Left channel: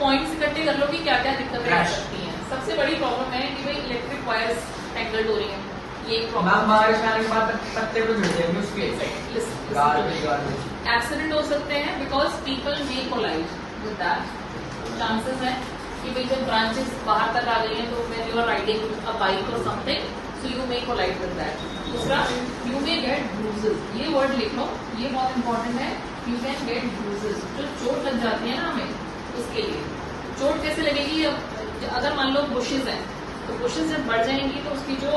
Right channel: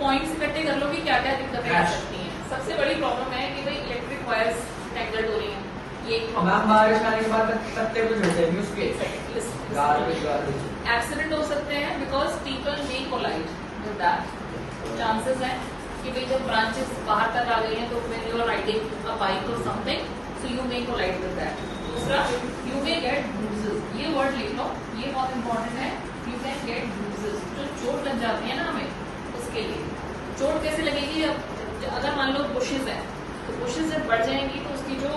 Points इकट्ठे कर लो कि क्या क्या दिक्कतें आ सकती हैं। सबसे बड़ी प्रॉब्लम है कि भाई इलेक्ट्रिक वायर्स टैंगल्ड हो रही हैं, ये एक प्रॉब्लम। एक्सीडेंट हो सकते हैं because people may collide with that. Chances हैं कि भाई जब ब्रांचेस बाहर तक आ गई हैं तो when you are riding a bike और something so you may collide with that. दूसरा, यू मे गेट ब्रूजेस, ये वर्ड लिख लो, ये बहुत इंपॉर्टेंट है। यू कैन गेट ब्रूजेस, जो चोट लग जाती है ना हमें, उसके लिए। चोट कैसे लगेगी? अगर मान लो बुशेज हैं तो बुशेज जब बढ़ जाएंगी तो उसकी जो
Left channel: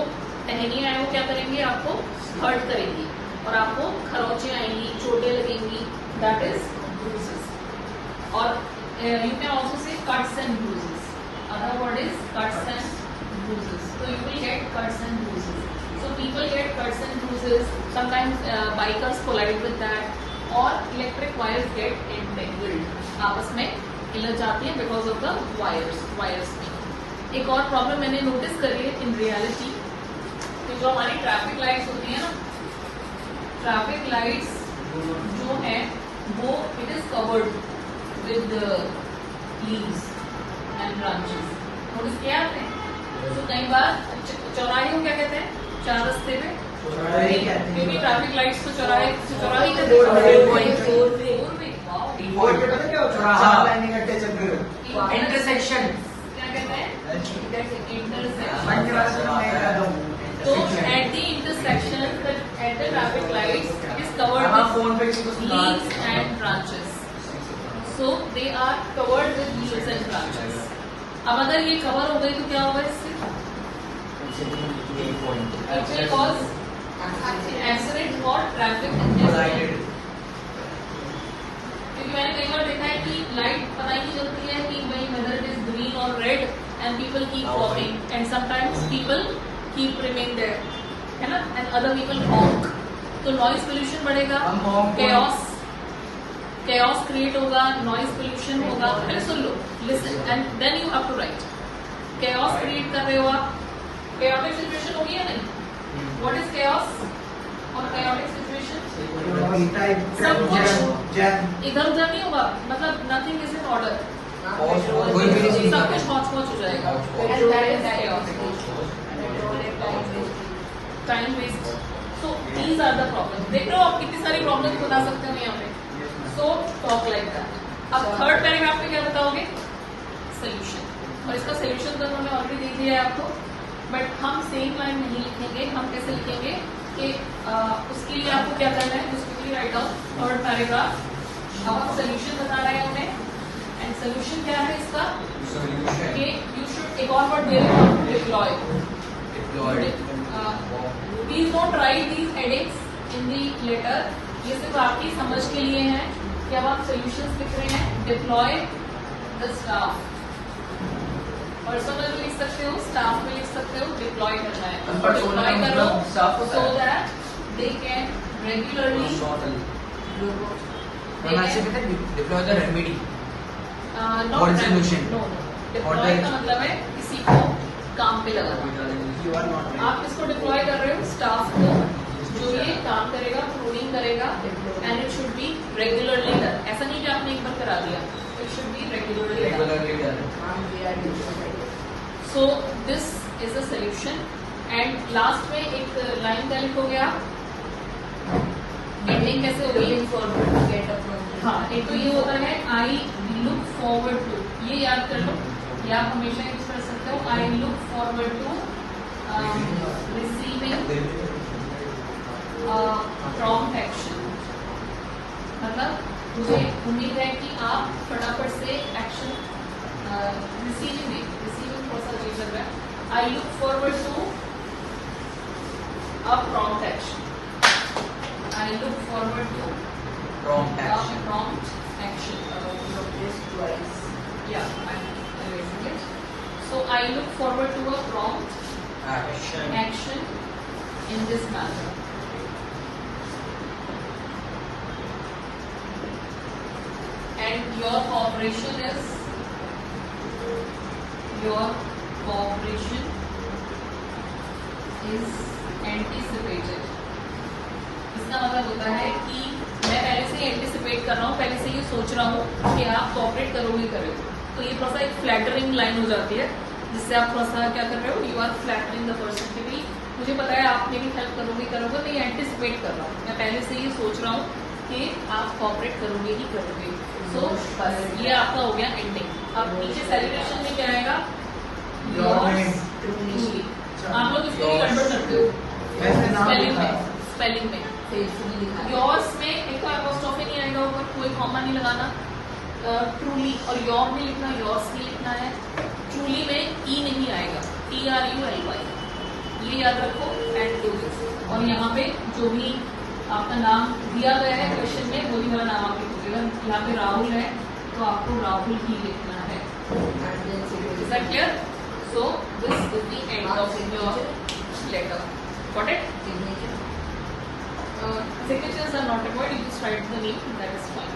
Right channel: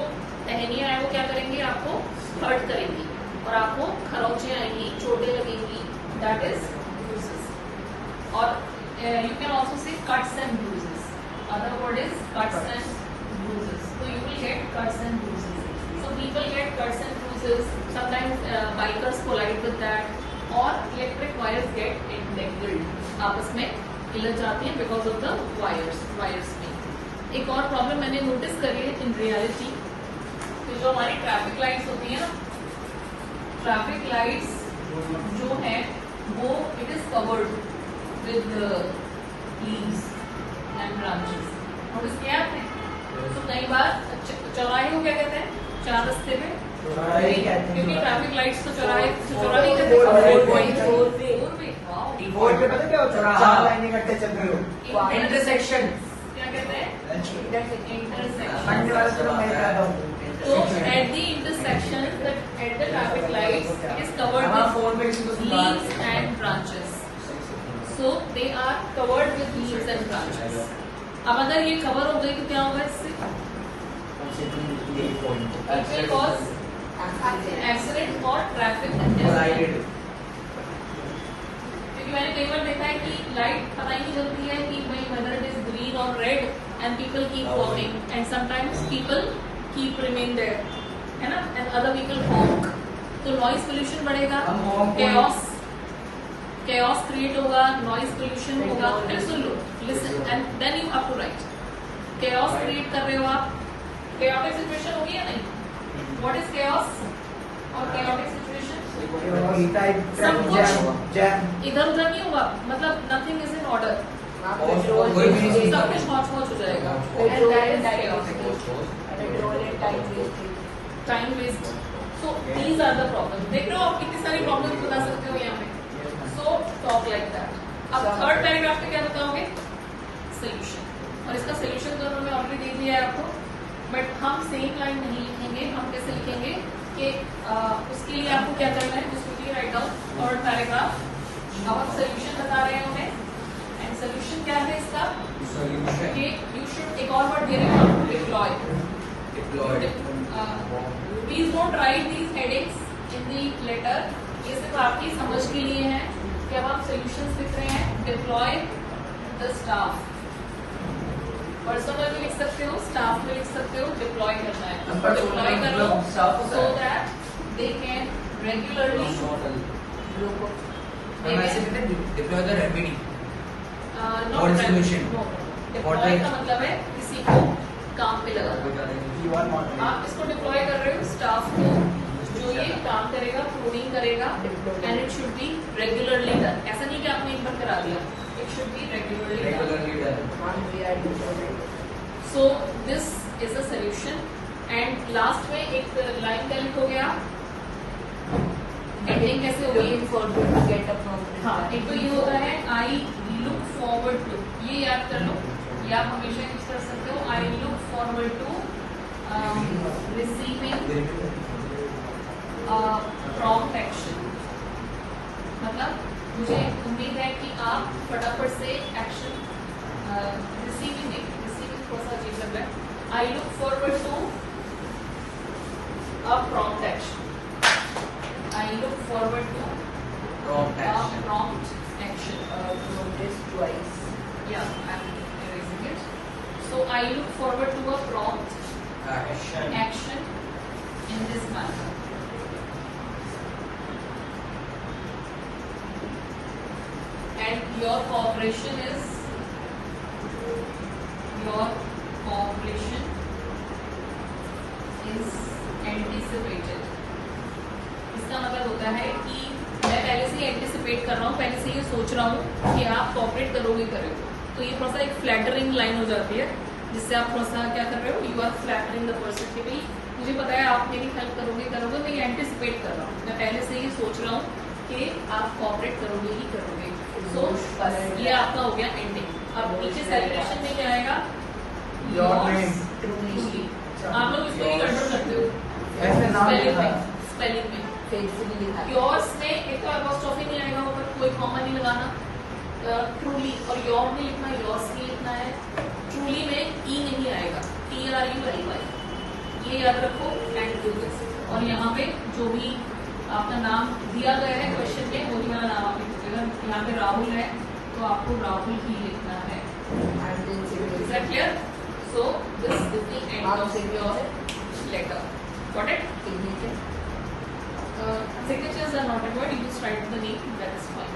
टहनियां हैं वो क्या करेंगी, आपको हर्ट करेंगी और आपको खरोंचे आएंगी, चोटें लगेंगी, दैट इज ब्रूजेस। और you can also say cuts and bruises, other word is cuts and bruises, so you will get cuts and bruises. So people get cuts and bruises. Sometimes bikers collide with that, or electric wires get entangled. आपस में हिलत जाती हैं because of the wires में। एक और problem मैंने notice करी है इन रियलिटी, कि जो हमारी ट्रैफिक लाइट्स होती है ना, ट्रैफिक लाइट्स जो है वो it is covered with leaves and branches. Notice किया आपने? तो कई बार चौराहे को क्या कहते हैं? चार रस्ते पे, क्योंकि ट्रैफिक लाइट्स तो चौराहे कहते हैं। इंटरसेक्शन क्या कहते हैं? इंटरसेक्शन। तो at the intersection at the traffic lights it is covered with leaves and branches, so they are covered with leaves and branches. अब अगर ये कवर हो गई तो क्या होगा इससे? इट विल कॉज एक्सीडेंट और ट्रैफिक कंजेशन। क्योंकि मैंने कई बार देखा है कि लाइट पता ही नहीं चलती है कि भाई वेदर इट इज ग्रीन और red and people keep walking and sometimes people keep remain there, है ना, एंड अदर पीपल हॉक। तो नॉइज पोल्यूशन बढ़ेगा, chaos क्रिएट होगा, नॉइज पोल्यूशन होगा। पहले सुन लो, listen and then you have to write. chaos create कर रहे हो आप, chaotic सिचुएशन होगी या नहीं? व्हाट इज chaos और chaotic सिचुएशन? सब कुछ इधर उधर नहीं होगा, मतलब नथिंग इज इन ऑर्डर, सब कुछ हॉच हो जाएगा, and that is chaotic, time waste. So these are the problem. देख रहे हो आप कितनी सारी प्रॉब्लम बता सकते हो यहाँ पे। So talk like that। अब थर्ड पैराग्राफ पे क्या बताओगे? सोल्यूशन। और इसका सोल्यूशन तो उन्होंने ऑलरेडी दे दिया है आपको, बट हम सेम लाइन नहीं लिखेंगे। हम कैसे लिखेंगे कि उसके लिए आपको क्या करना है, जिसको राइट डाउन थर्ड पैराग्राफ। अब सोल्यूशन बता रहे हैं उन्हें, एंड सोल्यूशन क्या है इसका? कि यू शुड, एक और वर्ड दे रहे हो, deploy. Please don't write these headings in the letter, ये सिर्फ आपकी समझ के लिए है कि अब आप सोल्यूशंस लिख रहे हैं। डिप्लॉय द स्टाफ, पर्सनल भी लिख सकते हो, स्टाफ में लिख सकते हो, डिप्लॉय करना है। डिप्लॉय करो so that they can regularly deploy the remedy not solution. Deploy का मतलब है किसी को काम पे लगाना। आप इसको डिप्लॉय कर रहे हो स्टाफ को, जो ये काम करेगा, प्रूनिंग करेगा, and it should be regularly done. ऐसा नहीं कि आपने एक बार करा दिया, it should be regularly done. So this is a solution. And last में एक लाइन क्या लिखोगे आप? एंडिंग कैसे होगी? हाँ, एक तो ये होता है आई लुक फॉरवर्ड टू, ये याद कर लो, या आप हमेशा यूज कर सकते हो। I look forward to receiving prompt action, मतलब मुझे उम्मीद है कि आप फटाफट से एक्शन रिसीविंग को सर्च कर रहे हैं। I look forward to a prompt action. I look forward to prompt action. Yeah, I'm erasing it. So I look forward to a prompt action in this matter. And your cooperation is anticipated. इसका मतलब होता है कि मैं पहले से ही anticipate कर रहा हूँ, पहले से ये सोच रहा हूँ कि आप कोऑपरेट करोगे। तो ये थोड़ा सा एक फ्लैटरिंग लाइन हो जाती है, जिससे आप थोड़ा सा क्या कर रहे हो, you are flattering the person कि भाई मुझे पता है आप मेरी हेल्प करोगे, मैं एंटिसिपेट कर रहा हूँ, मैं पहले से ही सोच रहा हूँ कि आप कॉपरेट करोगे ही करोगे। सो बस ये आपका हो गया एंडिंग। अब नीचे सेलिब्रेशन में क्या आएगा, truly। आप लोग इसको भी गड़बड़ करते हो स्पेलिंग में। योर्स में एक तो एपोस्ट्रोफी नहीं आएगा, ऊपर कोई कॉमा नहीं लगाना। ट्रूली और योर में लिखना, योर्स में लिखना है। ट्रूली में ई नहीं आएगा, TRULY, ये याद रखो एंड डू दिस। और यहाँ पे जो भी आपका नाम दिया गया है क्वेश्चन में, वही वाला नाम आप लिखोगे। यहाँ पे राहुल है तो आपको राहुल ही लिखना है। Is that clear? So this is the end of your letter. Got it? Signatures are not required. You just write the name. That is fine.